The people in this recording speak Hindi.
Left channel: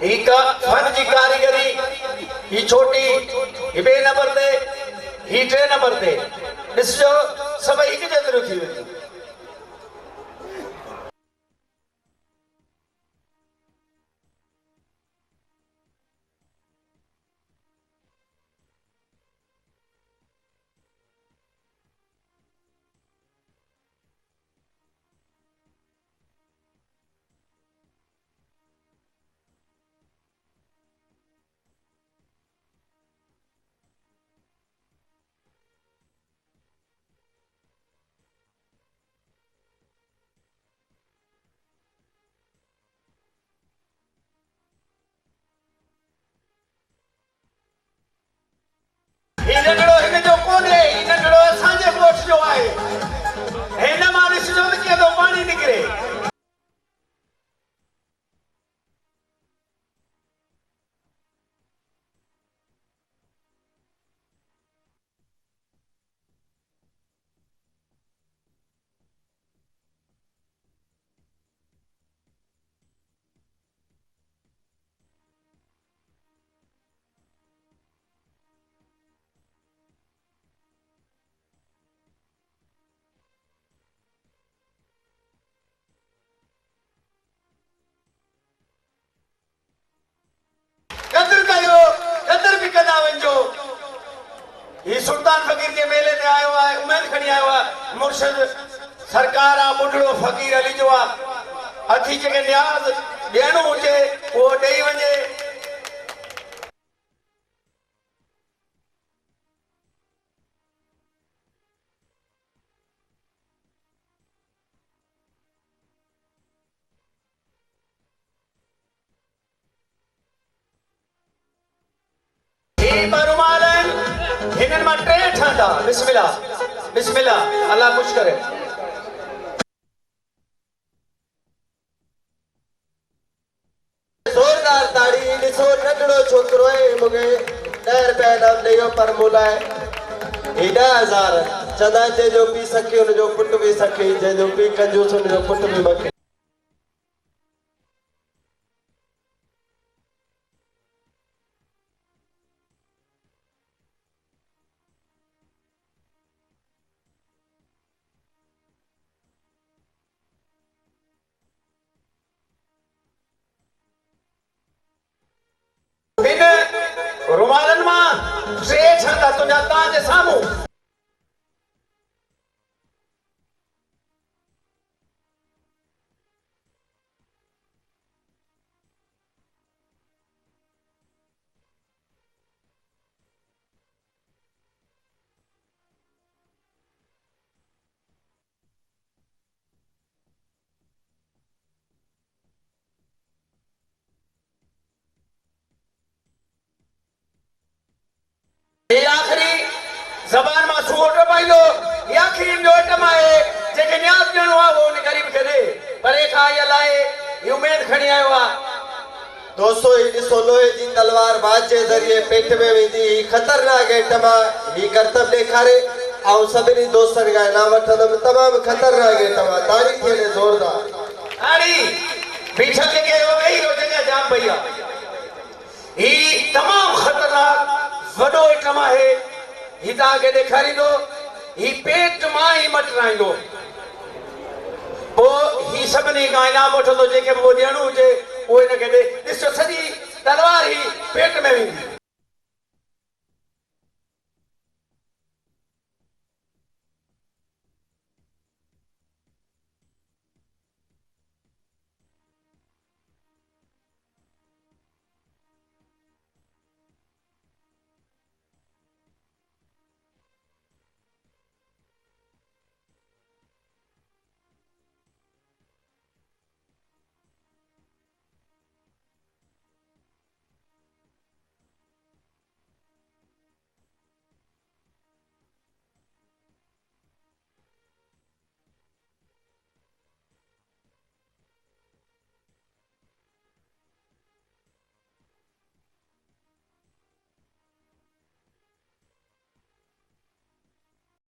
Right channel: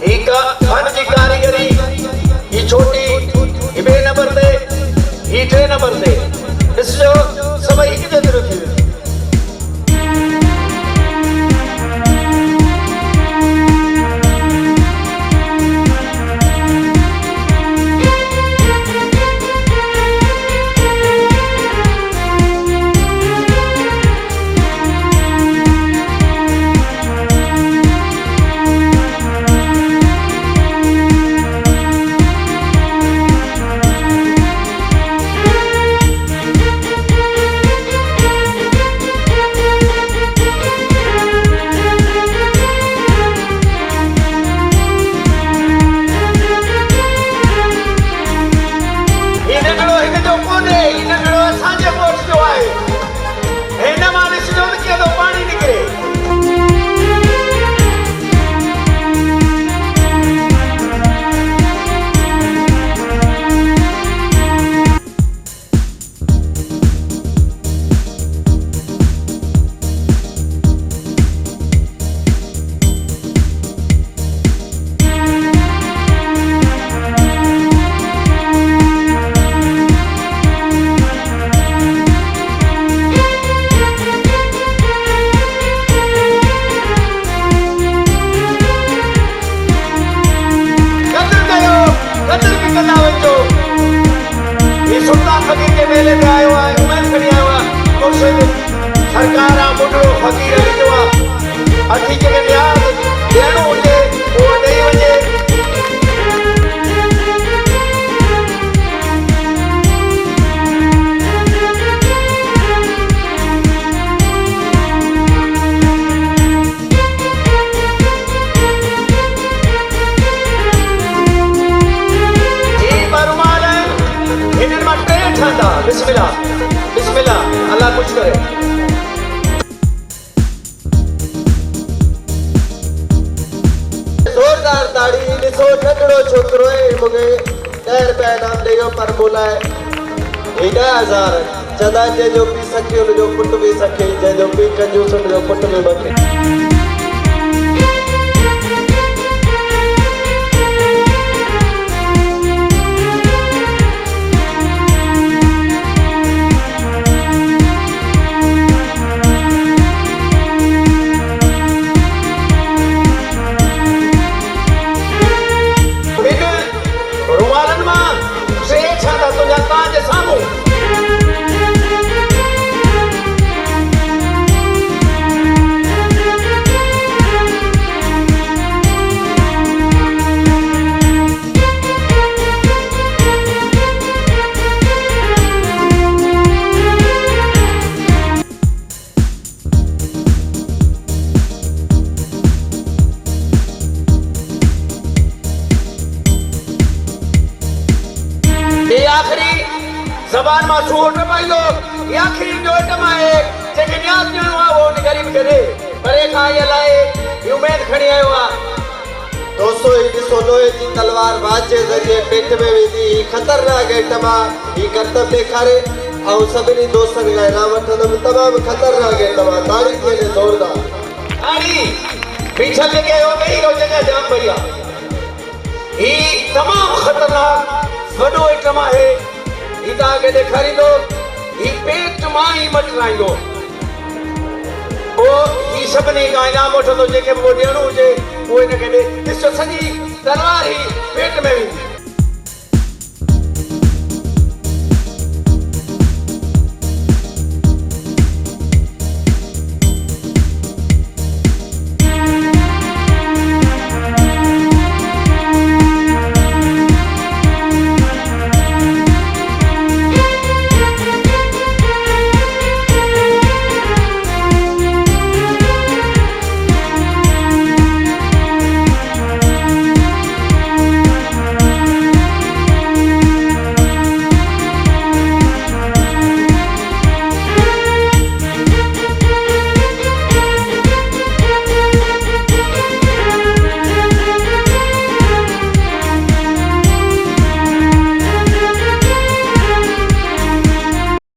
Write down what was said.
ही का फन जी कारीगरी ही छोटी ही बे नंबर ते ही 3 नंबर ते ॾिसजो सभई हिक जेतिरो थी वियो। सुल्तान फकीर के मेले में आयो है, उमेद खड़ी आयो है, मुर्शिद सरकार आ मुडड़ो फकीर अली जो आ अठी जगह न्याज ॾियणो हुजे वो ॾेई वञे। बिस्मिल्लाह बिस्मिल्लाह अल्लाह कुछ करे। जोरदार ताड़ी ॾिसो नंढड़ो छोकिरो है मूंखे 10 रुपया इनाम ॾेयो पर मोलाए 10,000 चंदा जंहिंजो पी सखे हुनजो पुट बि सखे जंहिंजो पी कंजूस हुनजो पुट बि मखे। रुमालन मां से छाता तुझा ताज सामू ये आखिरी जबान में सूट पाइलो ये आखिरी जो टमाए जेके न्याज ॾियणो आहे वो गरीब खे ॾे परे खां ये लाए उम्मीद खणी आयो आहे। दोस्तों ही ॾिसो लोहे जी तलवार बाज जे ज़रिए पेट में वेंदी ही खतरनाक आइटम आहे। ही करतब ॾेखारे ऐं सभिनी दोस्तनि खां इनाम वठंदुमि। तमामु खतरनाक आइटम आहे। ताड़ी थिए ज़ोरदार ताड़ी पीछे जेके हो गई हो जगह जाम भैया ही तमामु खतरनाक वडो आइटम है। ही ताके ॾेखारींदो ही पेट मां ही मटराईंदो वो ही सभिनी खां इनाम वठंदो जेके वो ॾियणो हुजे वो हिनखे ॾे। ॾिसो सॼी तलवार ही पेट में वेंदी।